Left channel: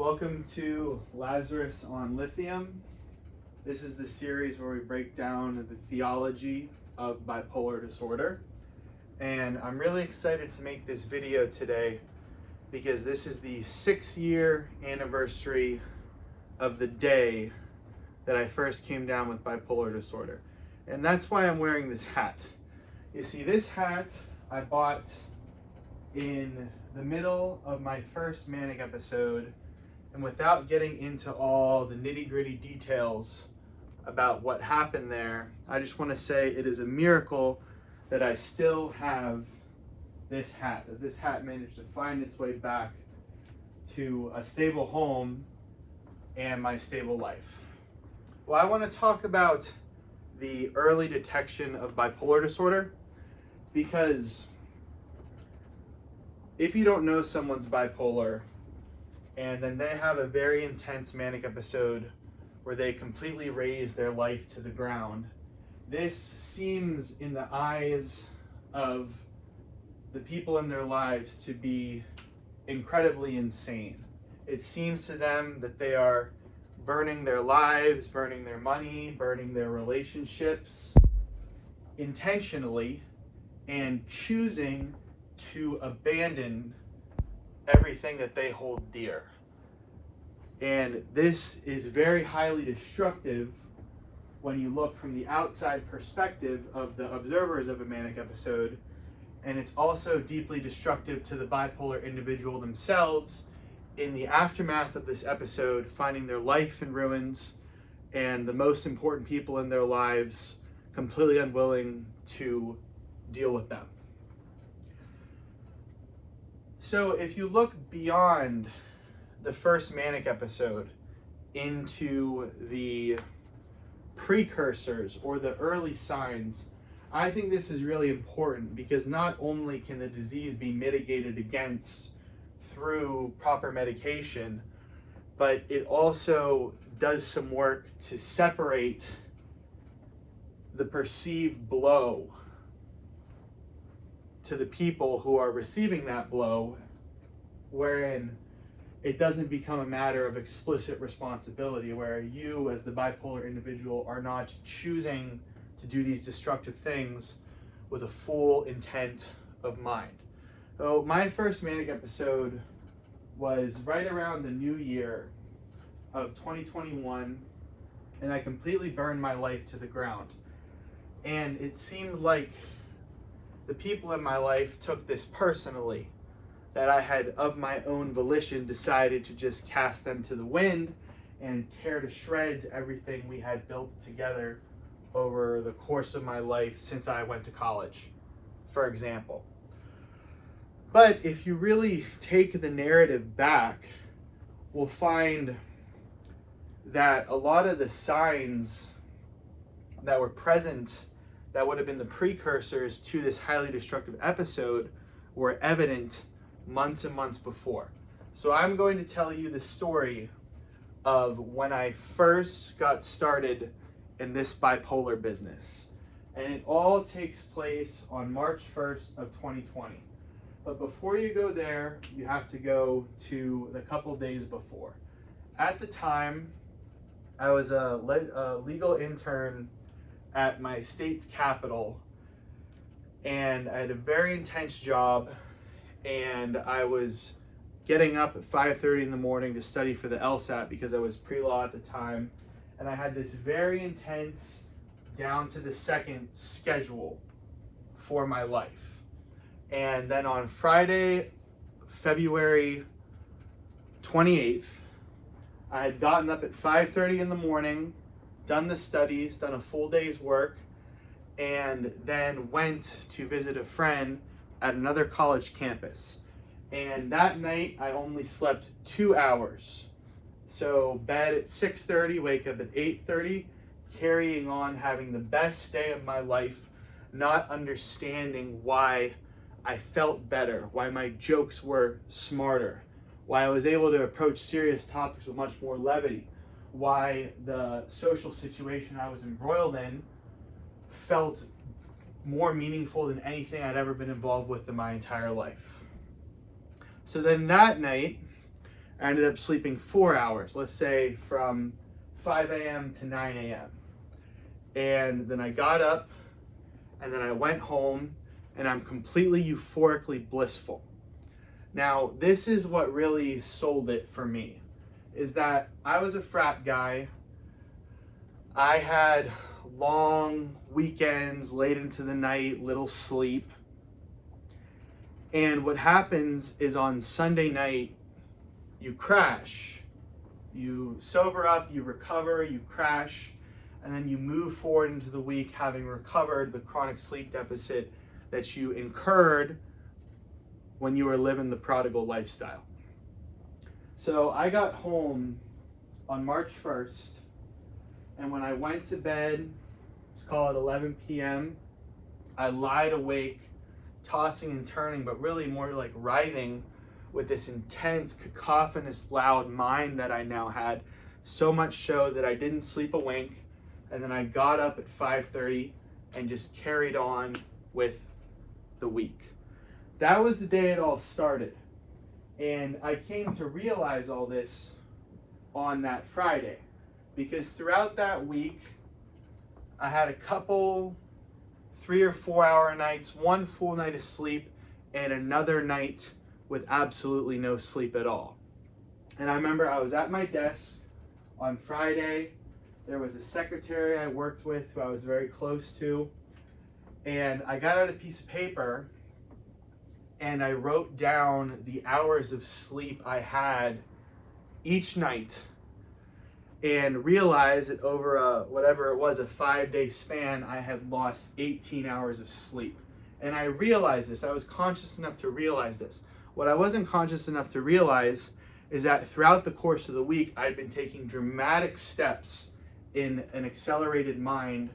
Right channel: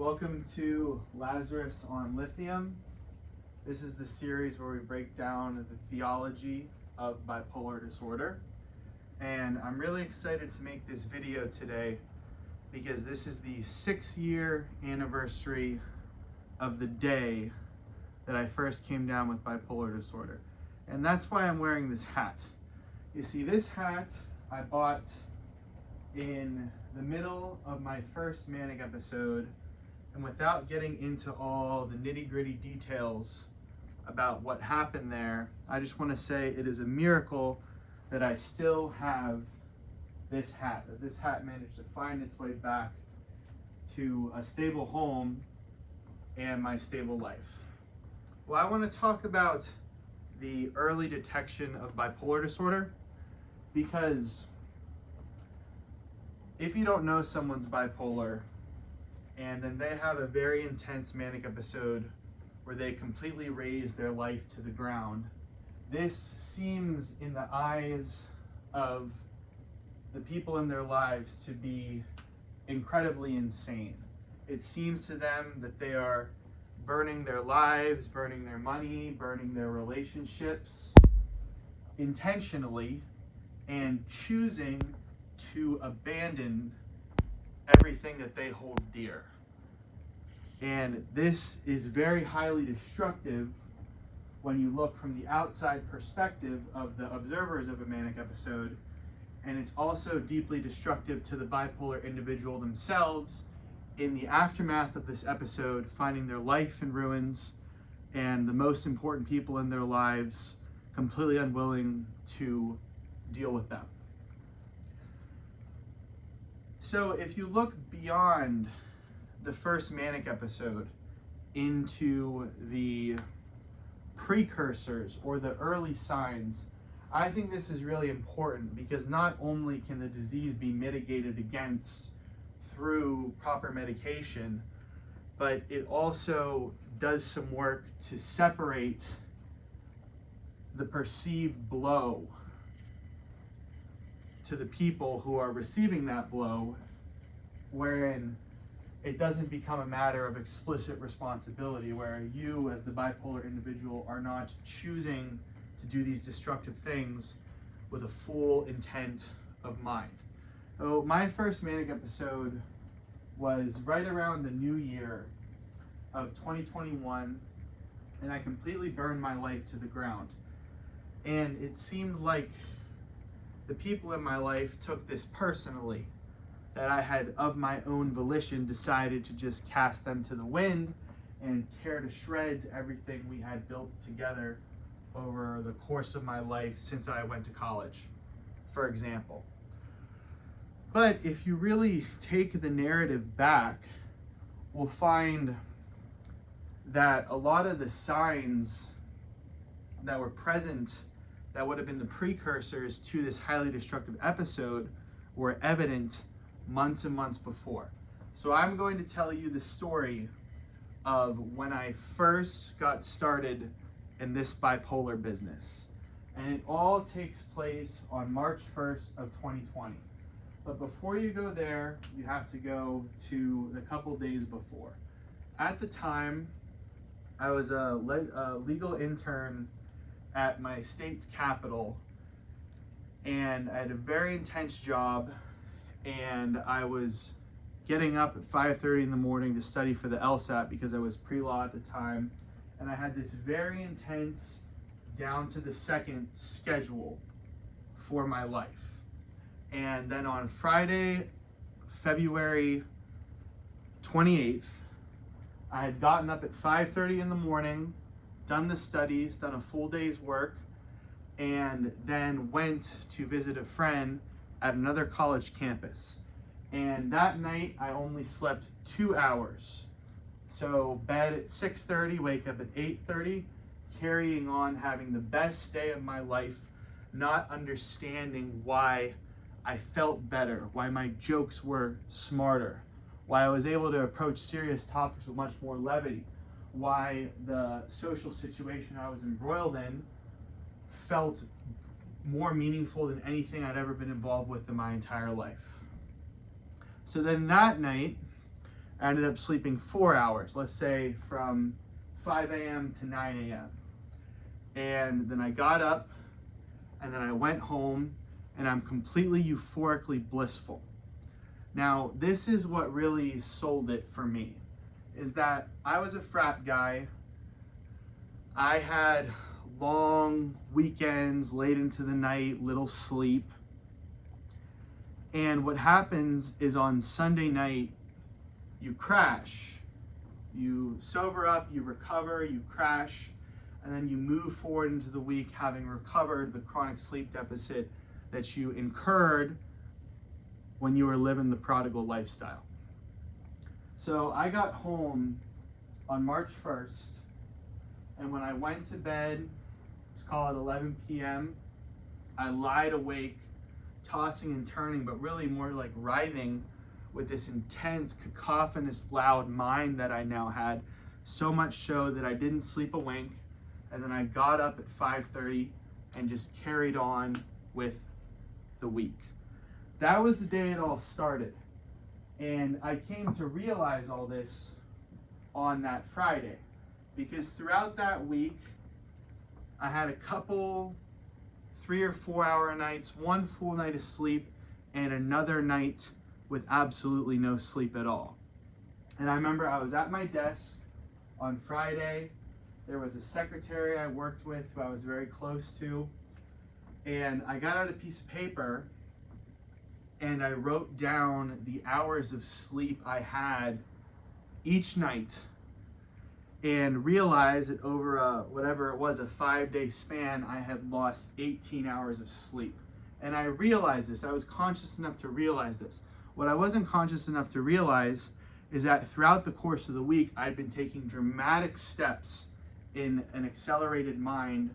Welcome to Lazarus on Lithium. This is the series where we break down the theology of bipolar disorder. And I'm really excited to make this video today because this is the 6-year anniversary of the day that I first came down with bipolar disorder. And that's why I'm wearing this hat. You see, this hat I bought in the middle of my first manic episode, and without getting into all the nitty-gritty details about what happened there, I just want to say it is a miracle that I still have this hat, that this hat managed to find its way back to a stable home and my stable life. Well, I want to talk about the early detection of bipolar disorder, because if you don't know someone's bipolar and then they have a very intense manic episode where they completely raise their life to the ground, this seems in the eyes of the people in their lives to be incredibly insane. It seems to them that they are burning their lives, burning their money, burning their relationships intentionally, and choosing to abandon everything that they hold dear. And this is very highly destructive when you look from the outside perspective of the observers of a manic episode, and it's also deeply destructive to the bipolar individual themselves in the aftermath of this episode, finding their life in ruins and the most important people in their lives completely unwilling to deal with them. So if you look beyond the first manic episode into the precursors or the early signs, I think this is really important, because not only can the disease be mitigated against through proper medication, but it also does some work to separate the perceived blow to the people who are receiving that blow, wherein it doesn't become a matter of explicit responsibility, where you as the bipolar individual are not choosing to do these destructive things with a full intent of mind. So my first manic episode was right around the new year of 2021, and I completely burned my life to the ground. And it seemed like the people in my life took this personally, that I had of my own volition decided to just cast them to the wind and tear to shreds everything we had built together over the course of my life since I went to college, for example. But if you really take the narrative back, we'll find that a lot of the signs that were present that would have been the precursors to this highly destructive episode were evident months and months before. So I'm going to tell you the story of when I first got started in this bipolar business. And it all takes place on March 1st of 2020. But before you go there, you have to go to the couple days before. At the time, I was a legal intern at my state's capital, and I had a very intense job, and I was getting up at 5:30 in the morning to study for the LSAT because I was pre-law at the time, and I had this very intense, down to the second schedule for my life. And then on Friday, February 28th, I had gotten up at 5:30 in the morning, done the studies, done a full day's work, and then went to visit a friend at another college campus. And that night I only slept 2 hours. So bed at 6:30, wake up at 8:30, carrying on, having the best day of my life, not understanding why I felt better, why my jokes were smarter, why I was able to approach serious topics with much more levity, why the social situation I was embroiled in felt more meaningful than anything I'd ever been involved with in my entire life. So then that night, I ended up sleeping 4 hours, let's say from 5 a.m. to 9 a.m. And then I got up, and then I went home, and I'm completely euphorically blissful. Now, this is what really sold it for me, is that I was a frat guy. I had long weekends, late into the night, little sleep. And what happens is on Sunday night, you crash. You sober up, you recover, you crash, and then you move forward into the week having recovered the chronic sleep deficit that you incurred when you were living the prodigal lifestyle. So I got home on March 1st, and when I went to bed, let's call it 11 p.m., I lied awake, tossing and turning, but really more like writhing with this intense, cacophonous, loud mind that I now had, so much so that I didn't sleep a wink, and then I got up at 5:30 and just carried on with the week. That was the day it all started. And I came to realize all this on that Friday, because throughout that week, I had a couple 3 or 4 hour nights, one full night of sleep, and another night with absolutely no sleep at all. And I remember I was at my desk on Friday. There was a secretary I worked with who I was very close to, and I got out a piece of paper and I wrote down the hours of sleep I had each night, and realized that over a 5-day span, I had lost 18 hours of sleep. And I realized this. I was conscious enough to realize this. What I wasn't conscious enough to realize is that throughout the course of the week, I'd been taking dramatic steps in an accelerated mind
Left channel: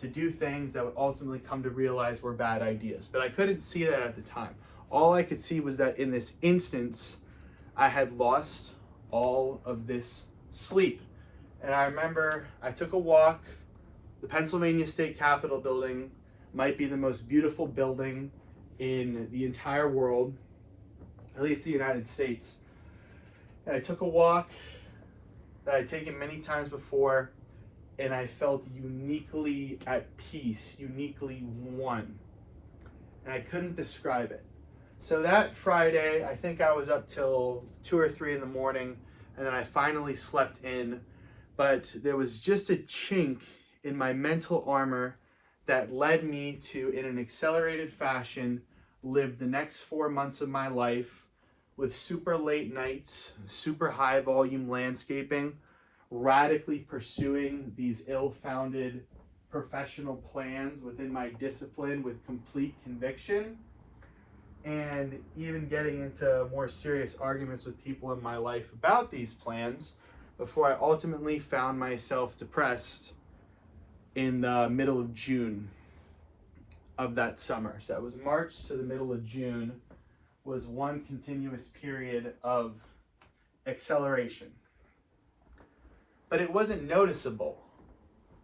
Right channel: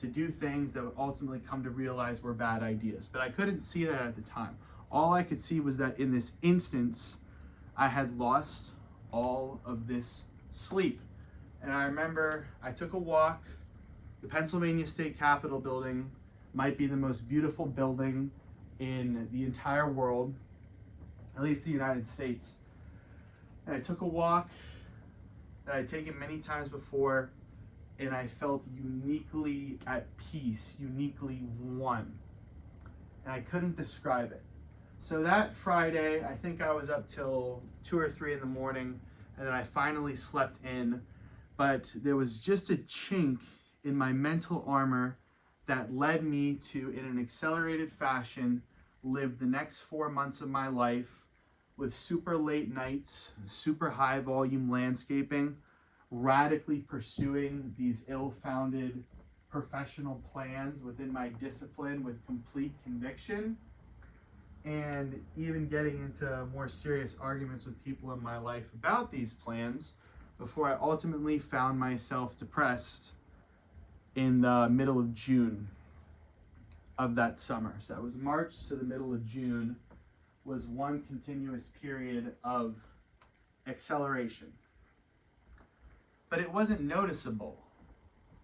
to do things that would ultimately come to realize were bad ideas. But I couldn't see that at the time. All I could see was that in this instance, I had lost all of this sleep. And I remember I took a walk. The Pennsylvania State Capitol building might be the most beautiful building in the entire world, at least the United States. And I took a walk that I'd taken many times before, and I felt uniquely at peace, uniquely one. And I couldn't describe it. So that Friday, I think I was up till 2 or 3 in the morning, and then I finally slept in. But there was just a chink in my mental armor that led me to, in an accelerated fashion, live the next 4 months of my life with super late nights, super high volume landscaping, radically pursuing these ill-founded professional plans within my discipline with complete conviction, and even getting into more serious arguments with people in my life about these plans before I ultimately found myself depressed in the middle of June of that summer. So that was March to the middle of June was one continuous period of acceleration. But it wasn't noticeable.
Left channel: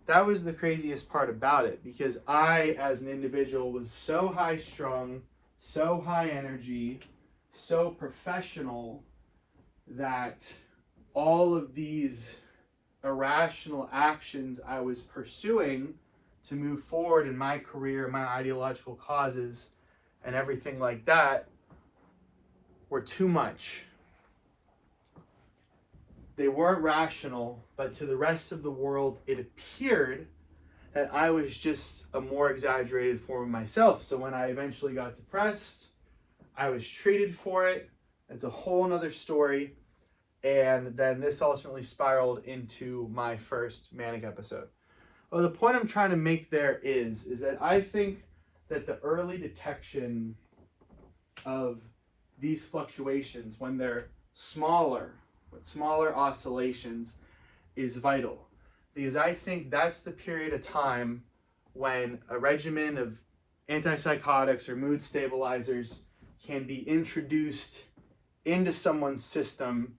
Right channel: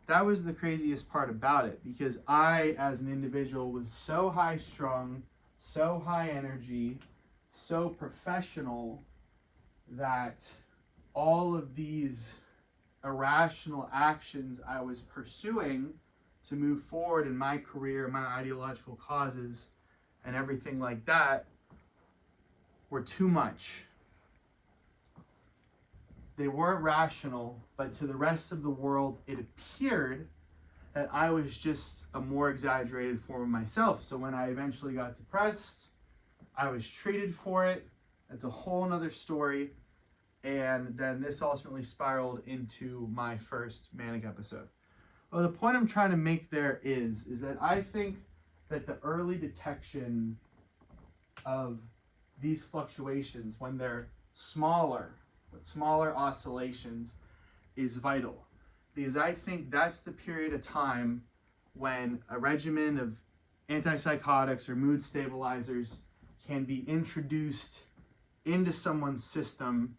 That was the craziest part about it, because I, as an individual, was so high strung, so high energy, so professional, that all of these irrational actions I was pursuing to move forward in my career, my ideological causes, and everything like that were too much. They weren't rational, but to the rest of the world, it appeared that I was just a more exaggerated form of myself. So when I eventually got depressed, I was treated for it. That's a whole nother story. And then this ultimately spiraled into my first manic episode. Well, the point I'm trying to make there is that I think that the early detection of these fluctuations, when they're smaller, with smaller oscillations, is vital. Because I think that's the period of time when a regimen of antipsychotics or mood stabilizers can be introduced into someone's system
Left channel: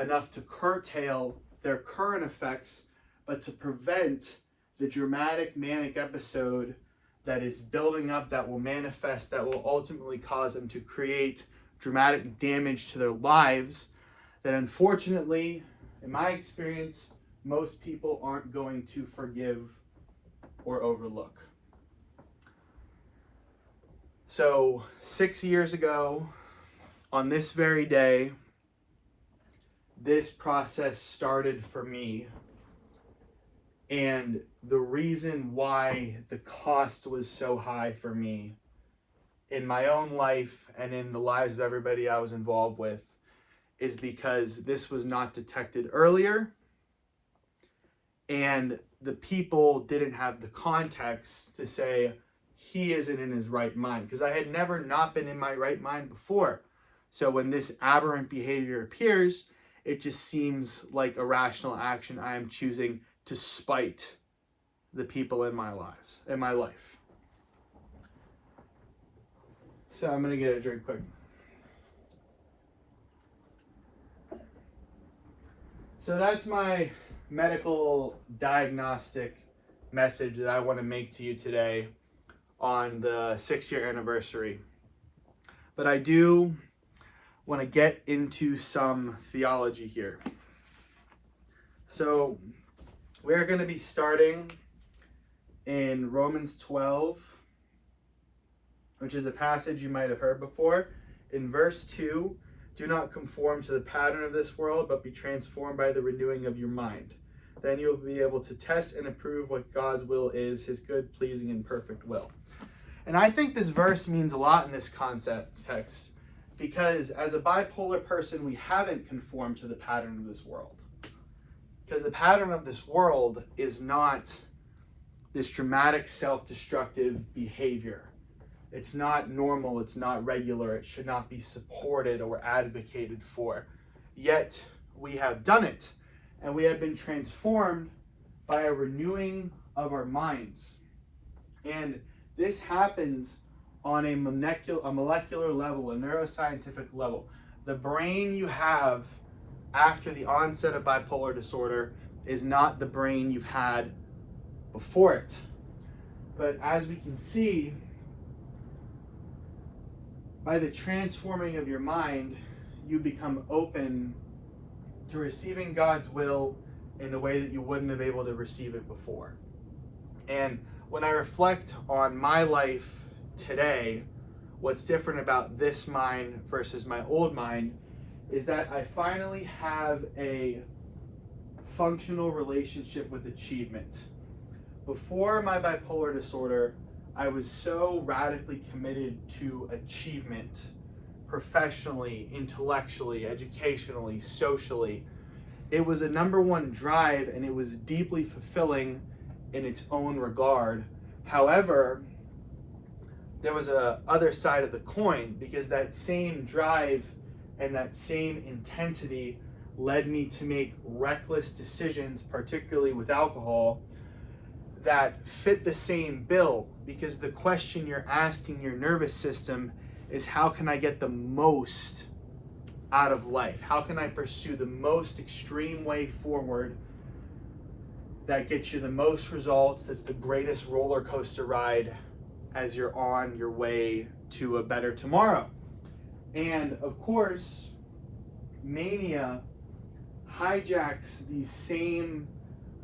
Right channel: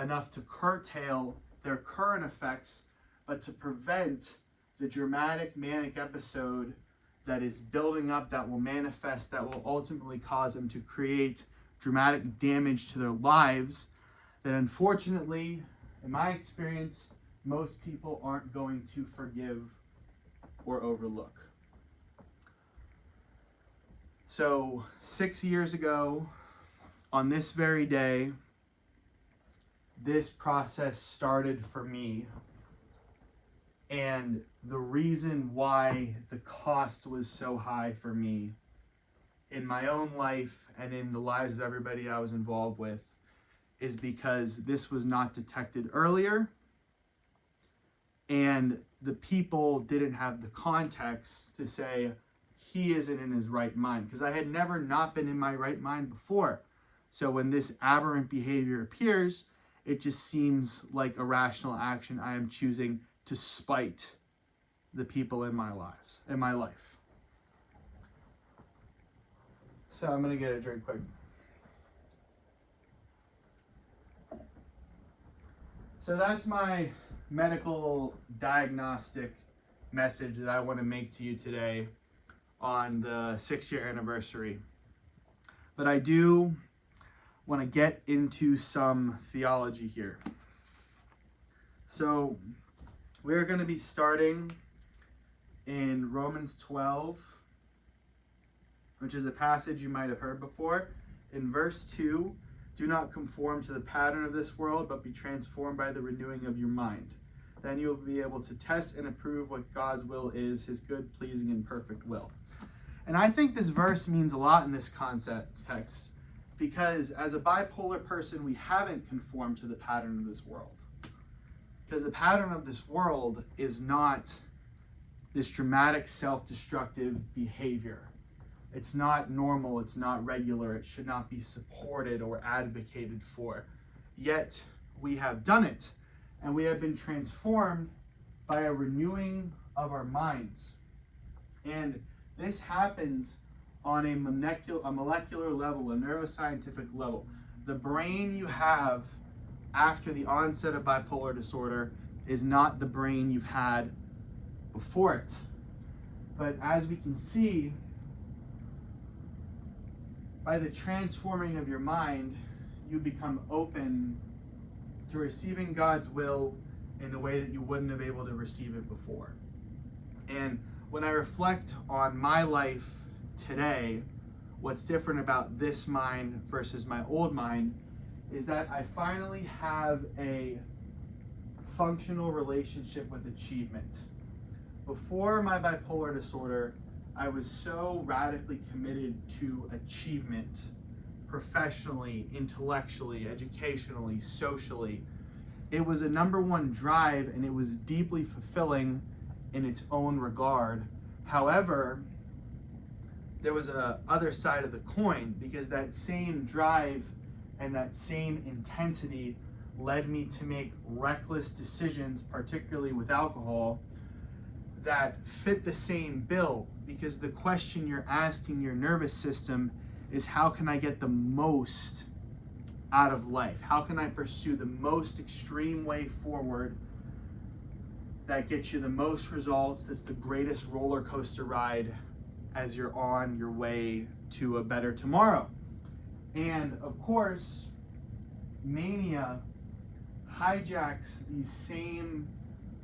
enough to curtail their current effects, but to prevent the dramatic manic episode that is building up, that will manifest, that will ultimately cause them to create dramatic damage to their lives that unfortunately, in my experience, most people aren't going to forgive or overlook. So 6 years ago, on this very day, this process started for me. And the reason why the cost was so high for me in my own life and in the lives of everybody I was involved with is because this was not detected earlier, and the people didn't have the context to say he isn't in his right mind, because I had never not been in my right mind before. So when this aberrant behavior appears, it just seems like a rational action I am choosing to spite the people in my life. So I'm gonna get a drink quick. So that's my medical diagnostic message that I want to make to you today on the 6-year anniversary. But I do want to get into some theology here. So we're going to be starting in Romans 12, which is a passage you might have heard before. In verse 2, do not conform to the pattern of this world, but be transformed by the renewing of your mind. Then you'll be able to test and approve what God's will is, his good, pleasing, and perfect will. And I think this verse means a lot in this context, because as a bipolar person, we haven't conformed to the pattern of this world. Because the pattern of this world is not this dramatic self-destructive behavior. It's not normal, it's not regular, it should not be supported or advocated for. Yet we have done it, and we have been transformed by a renewing of our minds. And this happens on a molecular level, a neuroscientific level. The brain you have after the onset of bipolar disorder is not the brain you've had before it. But as we can see, by the transforming of your mind, you become open to receiving God's will in a way that you wouldn't have been able to receive it before. And when I reflect on my life today, what's different about this mind versus my old mind is that I finally have a functional relationship with achievement. Before my bipolar disorder, I was so radically committed to achievement, professionally, intellectually, educationally, socially. It was a number one drive, and it was deeply fulfilling in its own regard. However, there was a other side of the coin, because that same drive and that same intensity led me to make reckless decisions, particularly with alcohol, that fit the same bill, because the question you're asking your nervous system is, how can I get the most out of life? How can I pursue the most extreme way forward that gets you the most results, that's the greatest roller coaster ride as you're on your way to a better tomorrow? And of course, mania hijacks these same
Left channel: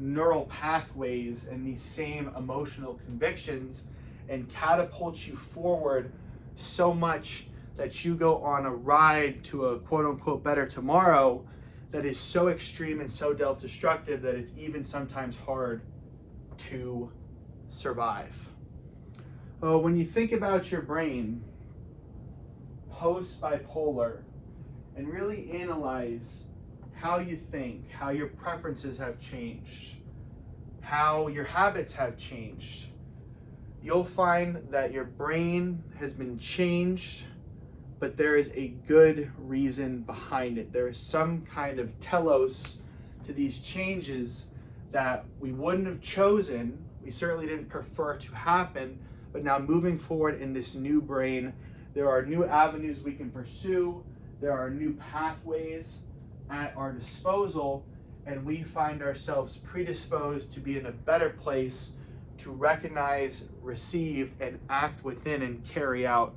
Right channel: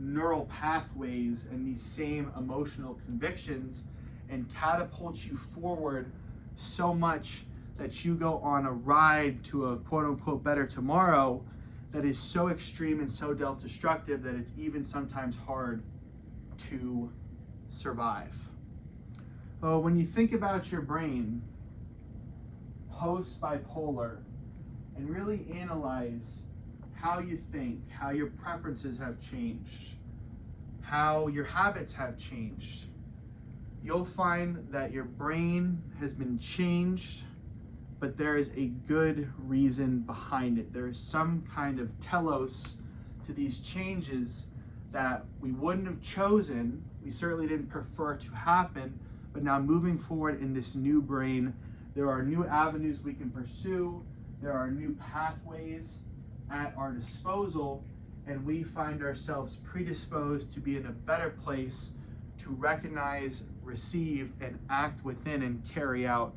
neural pathways and these same emotional convictions and catapults you forward so much that you go on a ride to a quote-unquote better tomorrow that is so extreme and so self-destructive that it's even sometimes hard to survive. Well, when you think about your brain post-bipolar and really analyze how you think, how your preferences have changed, how your habits have changed, you'll find that your brain has been changed, but there is a good reason behind it. There is some kind of telos to these changes that we wouldn't have chosen, we certainly didn't prefer to happen, but now moving forward in this new brain, there are new avenues we can pursue, there are new pathways at our disposal, and we find ourselves predisposed to be in a better place to recognize, receive, and act within and carry out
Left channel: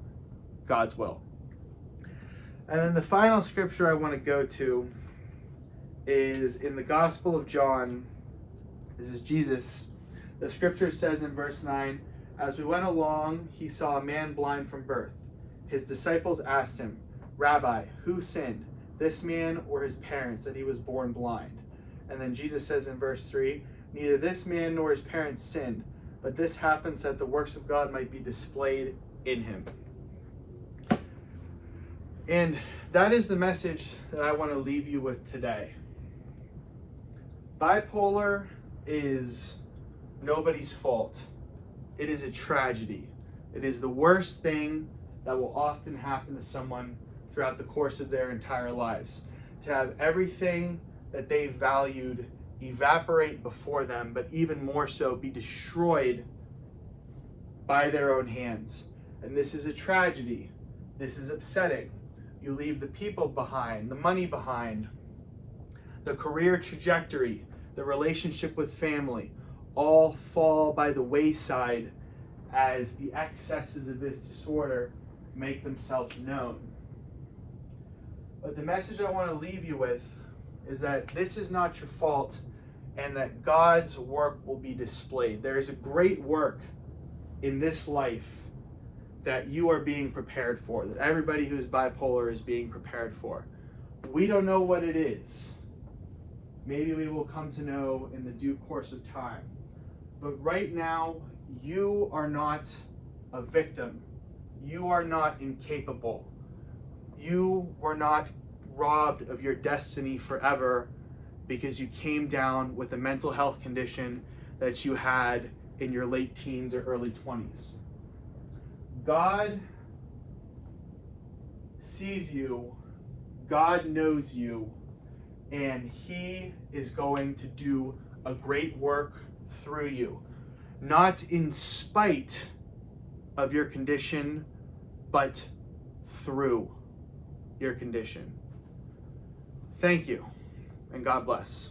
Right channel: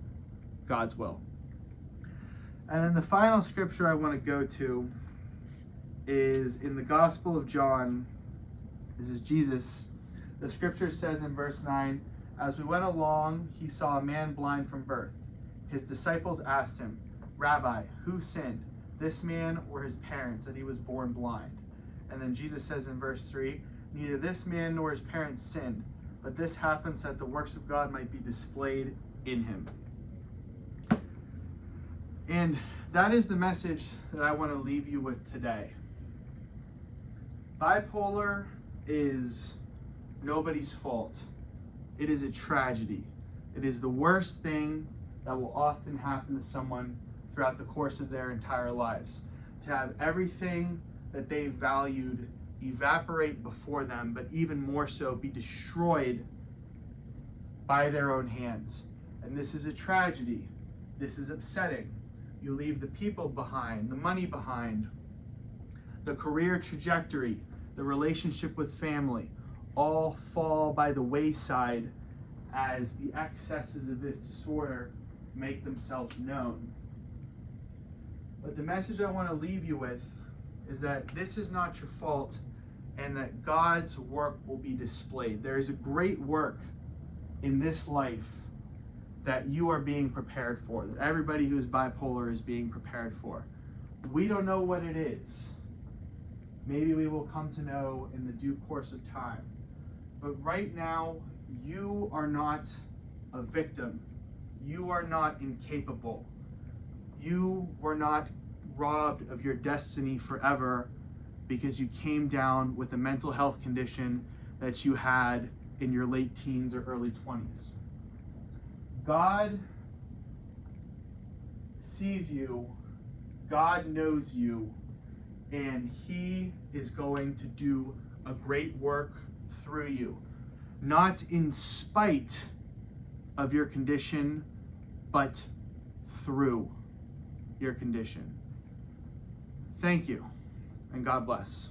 God's will. And then the final scripture I want to go to is in the Gospel of John. This is Jesus. The scripture says in verse 9, "As we went along, he saw a man blind from birth. His disciples asked him, 'Rabbi, who sinned, this man or his parents, that he was born blind?' And then Jesus says in verse 3, 'Neither this man nor his parents sinned, but this happened so that the works of God might be displayed in him.'" And that is the message that I want to leave you with today. Bipolar is nobody's fault. It is a tragedy. It is the worst thing that will often happen to someone throughout the course of their entire lives. To have everything that they valued evaporate before them, but even more so be destroyed by their own hands. And this is a tragedy. This is upsetting. You leave the people behind, the money behind, the career trajectory, the relationship with family, all fall by the wayside as the excesses of this disorder make themselves known. But the message I want to leave you with is that this is not your fault and that God's work will be displayed. There is a great work in this life that you are being prepared for, that everybody who's bipolar is being prepared for. We don't know what it is. Maybe we will come to know in the due course of time. But right now, you are not a victim. You are not incapable. You were not robbed of your destiny forever because you came down with a mental health condition that you had in your late teens or early 20s. God sees you, God knows you, and He is going to do a great work through you. Not in spite of your condition, but through your condition. Thank you, and God bless.